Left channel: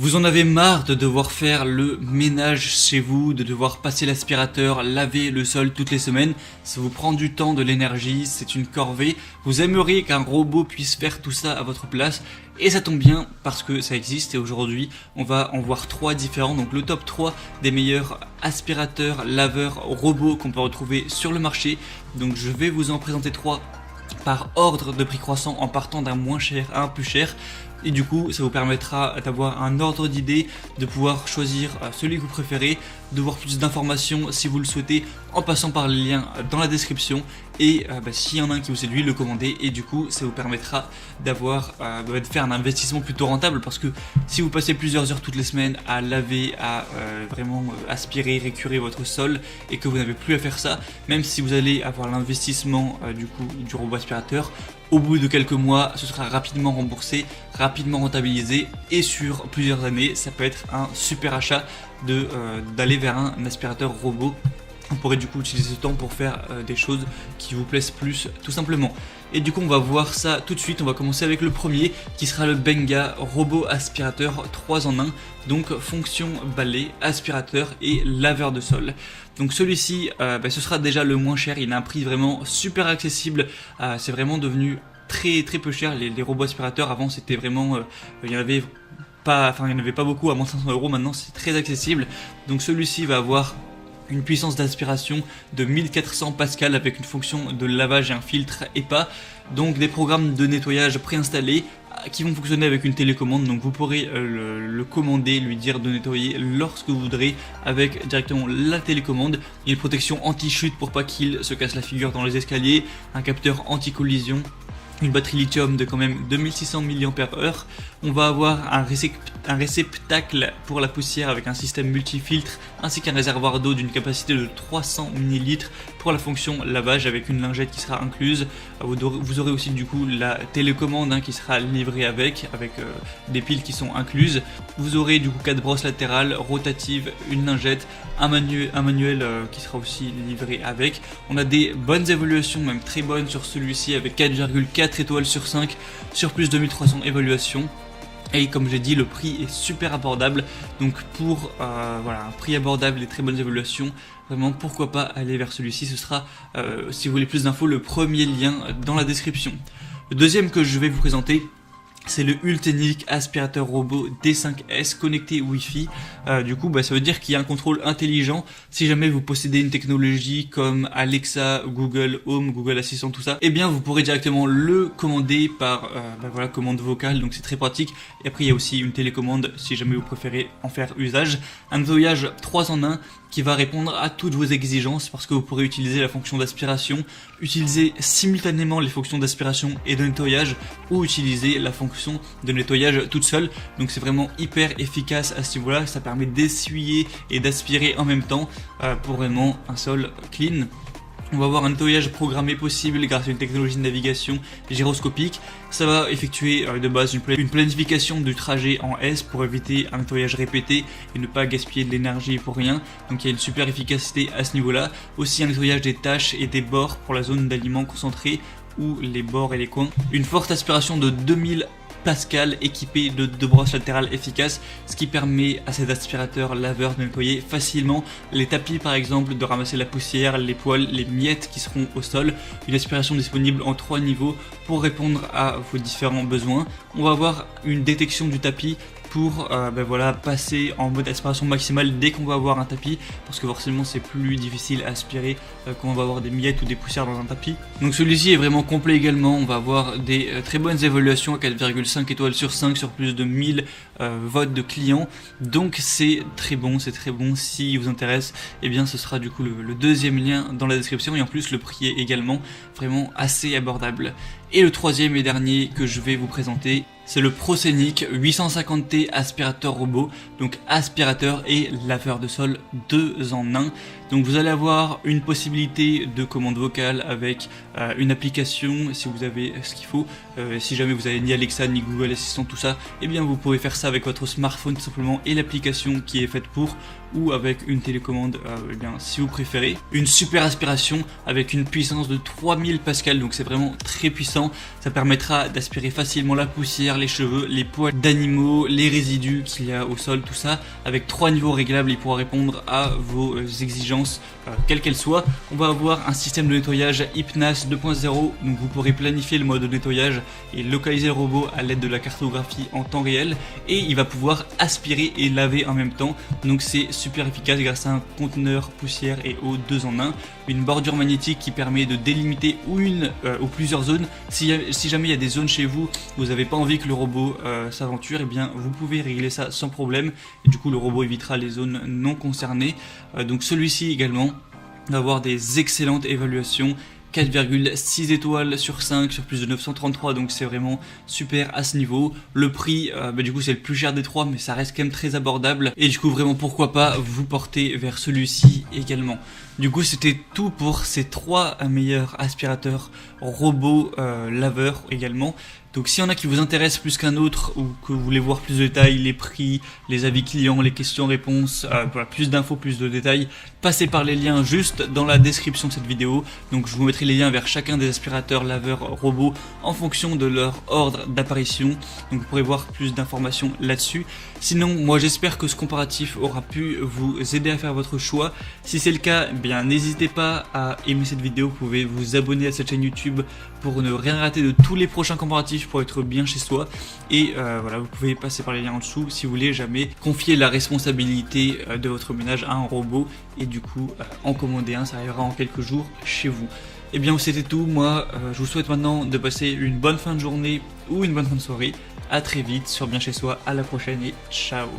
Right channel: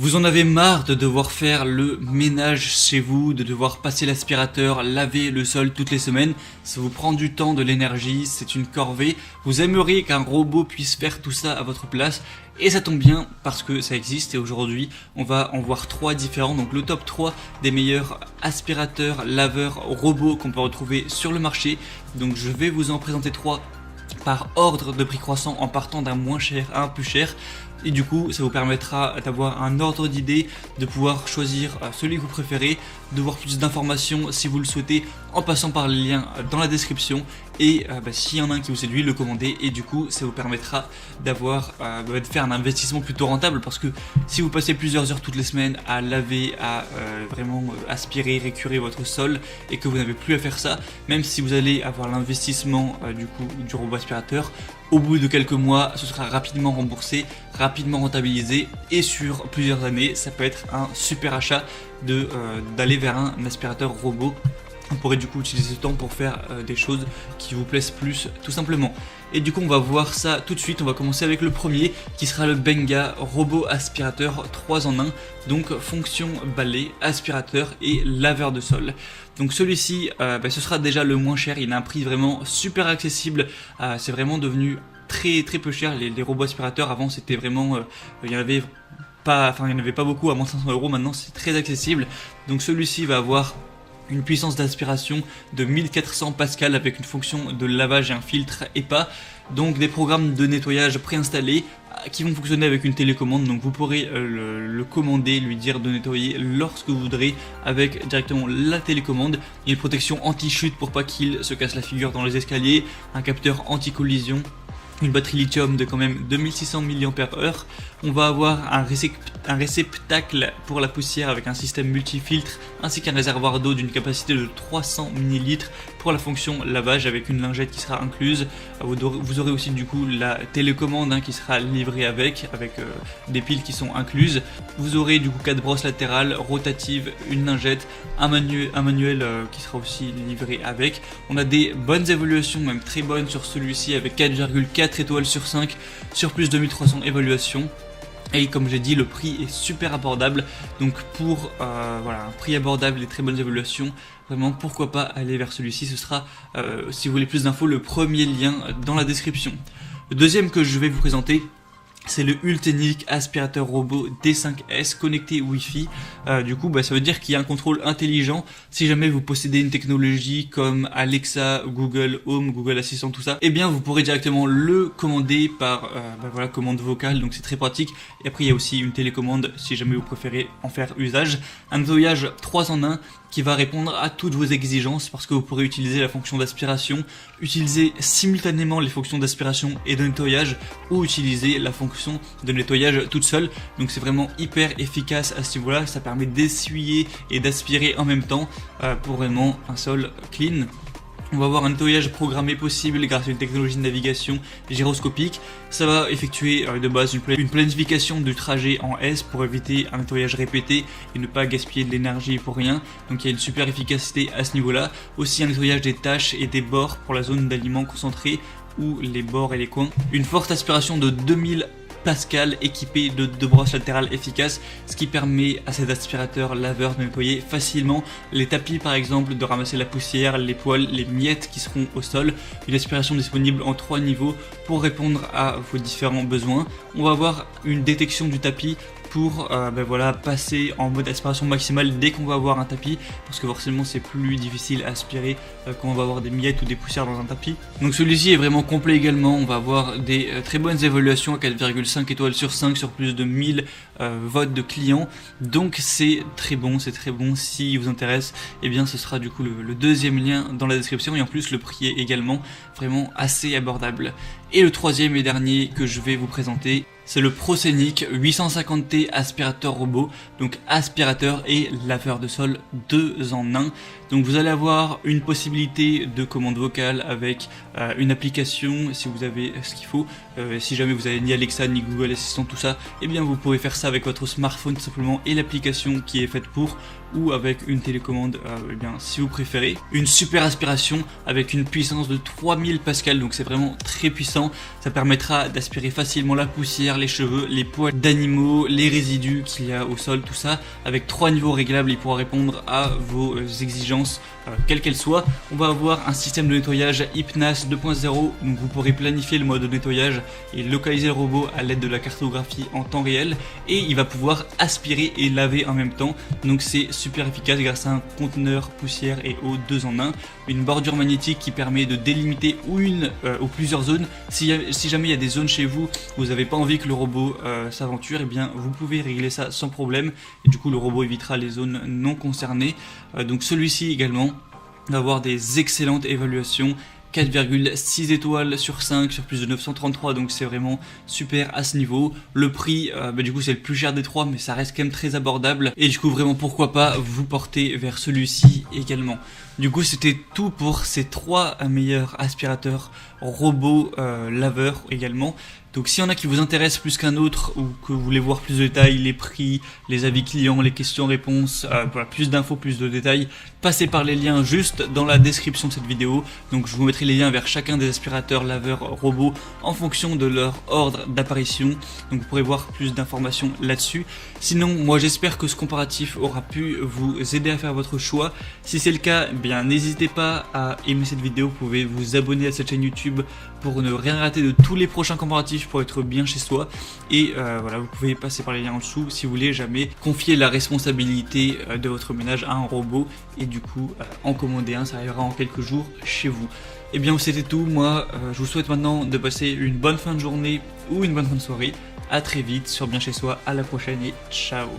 Vous en avez marre de devoir faire le ménage chez vous, de devoir passer l'aspirateur, laver le sol toutes les semaines. Ça vous prend du temps, de l'énergie, c'est une corvée. Vous aimeriez qu'un robot puisse faire tout ça à votre place. Et ça tombe bien parce que ça existe et aujourd'hui on va en voir trois différents. Donc le top 3 des meilleurs aspirateurs, laveurs, robots qu'on peut retrouver sur le marché. Donc je vais vous en présenter trois par ordre de précaution en partant d'un moins cher à un plus cher. Et du coup, ça vous permettra d'avoir un ordre d'idée, de pouvoir choisir celui que vous préférez, de voir toutes ces informations si vous le souhaitez en passant par les liens dans la description. Et s'il y en a un qui vous séduit, le commander. Et du coup, ça vous permettra d'avoir, de faire un investissement plutôt rentable parce que si vous passez plusieurs heures toutes les semaines à laver, à vraiment aspirer, récurer votre sol et que vous n'avez plus à faire ça, même si vous allez avoir un investissement du robot aspirateur, au bout de quelques mois, ce sera rapidement remboursé, rapidement rentabilisé et sur plusieurs années, ça peut être un super achat d'aller vers un aspirateur robot. On pourrait du coup utiliser ce temps pour faire des choses qui vous plaisent plus tout simplement. Et du coup on va voir ça tout de suite, on va commencer avec le premier qui sera le Benga robot aspirateur 3 en 1. Donc fonction balai, aspirateur et laveur de sol. Donc celui-ci ce sera déjà le moins cher, il a un prix vraiment super accessible, c'est vraiment devenu très peu cher. Les robots aspirateurs avant c'était vraiment, il n'y en avait pas beaucoup à moins de 500 €, maintenant c'est très accessible. Donc celui-ci va avoir une puissance d'aspiration de 1400 pascal avec une fonction de lavage, un filtre EPA, donc des programmes de nettoyage préinstallés qui vont fonctionner avec une télécommande. Donc vous pourrez le commander, lui dire de nettoyer lorsque vous voudrez avec directement la télécommande. Il y a une protection anti-chute pour pas qu'il se casse la figure dans les escaliers, un capteur anti-collision, une batterie lithium de quand même 2600 mAh. On va avoir un réceptacle pour la poussière avec un système multifiltre ainsi qu'un réservoir d'eau d'une capacité de 300 ml pour la fonction lavage avec une lingette qui sera incluse. Vous aurez aussi du coup la télécommande qui sera livrée avec des piles qui sont incluses. Vous aurez du coup 4 brosses latérales rotatives, une lingette, un manuel qui sera aussi livré avec. On a des bonnes évaluations, même très bonnes sur celui-ci avec 4,4 étoiles sur 5 sur plus de 1300 évaluations. Et comme j'ai dit, le prix est super abordable. Donc pour un prix abordable et très bonnes évaluations, vraiment pourquoi pas aller vers celui-ci. Ce sera, si vous voulez plus d'infos, le premier lien dans la description. Le deuxième que je vais vous présenter, c'est le Ultenic aspirateur robot D5S connecté Wi-Fi. Du coup, ça veut dire qu'il y a un contrôle intelligent. Si jamais vous possédez une technologie comme Alexa, Google Home, Google Assistant, tout ça, eh bien vous pourrez directement le commander par commande vocale. Donc c'est très pratique. Et après il y a aussi une télécommande si jamais vous préférez en faire usage. Un nettoyage 3 en 1 qui va répondre à toutes vos exigences parce que vous pourrez utiliser la fonction d'aspiration, utiliser simultanément les fonctions d'aspiration et de nettoyage ou utiliser la fonction de nettoyage toute seule. Donc c'est vraiment hyper efficace à ce niveau-là, ça permet d'essuyer et d'aspirer en même temps pour vraiment un sol clean. On va avoir un nettoyage programmé possible grâce à une technologie de navigation gyroscopique. Ça va effectuer de base une planification du trajet en S pour éviter un nettoyage répété et ne pas gaspiller de l'énergie pour rien. Donc il y a une super efficacité à ce niveau-là. Aussi un nettoyage des taches et des bords pour la zone d'aliments concentrés ou les bords et les coins. Une forte aspiration de 2000 Pascal équipé de 2 brosses latérales efficaces, ce qui permet à cet aspirateur laveur de nettoyer facilement les tapis par exemple, de ramasser la poussière, les poils, les miettes qui seront au sol. Une aspiration disponible en 3 niveaux pour répondre à vos différents besoins. On va avoir une détection du tapis pour passer en mode aspiration maximale dès qu'on va avoir un tapis, parce que forcément c'est plus difficile à aspirer quand on va avoir des miettes ou des poussières dans un tapis. Donc celui-ci est vraiment complet également, on va avoir des très bonnes évaluations, 4,5 étoiles sur 5 sur plus de 1000 votes de clients. Donc c'est très bon, si vous intéresse, et bien ce sera du coup le deuxième lien dans la description, et en plus le prix est également vraiment assez abordable. Et le troisième et dernier que je vais vous présenter, c'est le Proscenic 850T aspirateur robot, donc aspirateur et laveur de sol 2 en 1. Donc vous allez avoir une possibilité de commande vocale avec une application si vous avez ce qu'il faut, si jamais vous avez ni Alexa ni Google Assistant, tout ça, eh bien vous pourrez faire ça avec votre smartphone tout simplement et l'application qui est faite pour, ou avec une télécommande si vous préférez. Une super aspiration avec une puissance de 3000 pascal, donc c'est vraiment très puissant. Ça permettra d'aspirer facilement la poussière, les cheveux, les poils d'animaux, les résidus qu'il y a au sol, tout ça. Avec 3 niveaux réglables, il pourra répondre à vos exigences, quelles qu'elles soient. On va avoir un système de nettoyage HypNAS 2.0, donc vous pourrez planifier le mode de nettoyage et localiser le robot à l'aide de la cartographie en temps réel, et il va pouvoir aspirer et laver en même temps, donc c'est super efficace grâce à un conteneur poussière et eau 2 en 1, une bordure magnétique qui permet de délimiter une ou plusieurs zones. Si jamais il y a des zones chez vous où vous n'avez pas envie que le robot s'aventure, eh bien vous pouvez régler ça sans problème, et du coup le robot évitera les zones non concernées. Donc celui-ci également va avoir des excellentes évaluations, 4,6 étoiles sur 5 sur plus de 933, donc c'est vraiment super à ce niveau. Le prix, du coup c'est le plus cher des trois, mais ça reste quand même très abordable, et du coup vraiment pourquoi pas vous porter vers celui-ci également. Du coup c'était tout pour ces 3 meilleurs aspirateurs robots laveurs également. Donc s'il y en a qui vous intéressent plus qu'un autre, ou que vous voulez voir plus de détails, les prix, les avis clients, les questions-réponses, plus d'infos, plus de détails, passez par les liens juste dans la description de cette vidéo. Donc je vous mettrai les liens vers chacun des aspirateurs laveurs robots en fonction de leur ordre d'apparition. Donc vous pourrez voir plus d'informations là-dessus. Sinon, moi j'espère que ce comparatif aura pu vous aider à faire votre choix. Si c'est le cas, eh bien n'hésitez pas à aimer cette vidéo. Vous pouvez vous abonner à cette chaîne YouTube pour ne rien rater de tous les prochains comparatifs, pour être bien chez soi. Et voilà, vous pouvez passer par les liens en dessous si vous voulez jamais confier la responsabilité de votre ménage à un robot et du coup en commander un, ça arrivera en quelques jours chez vous. Et bien c'était tout, moi je vous souhaite maintenant de passer une bonne fin de journée ou une bonne fin de soirée. À très vite sur Bien Chez Soi, à la prochaine et ciao.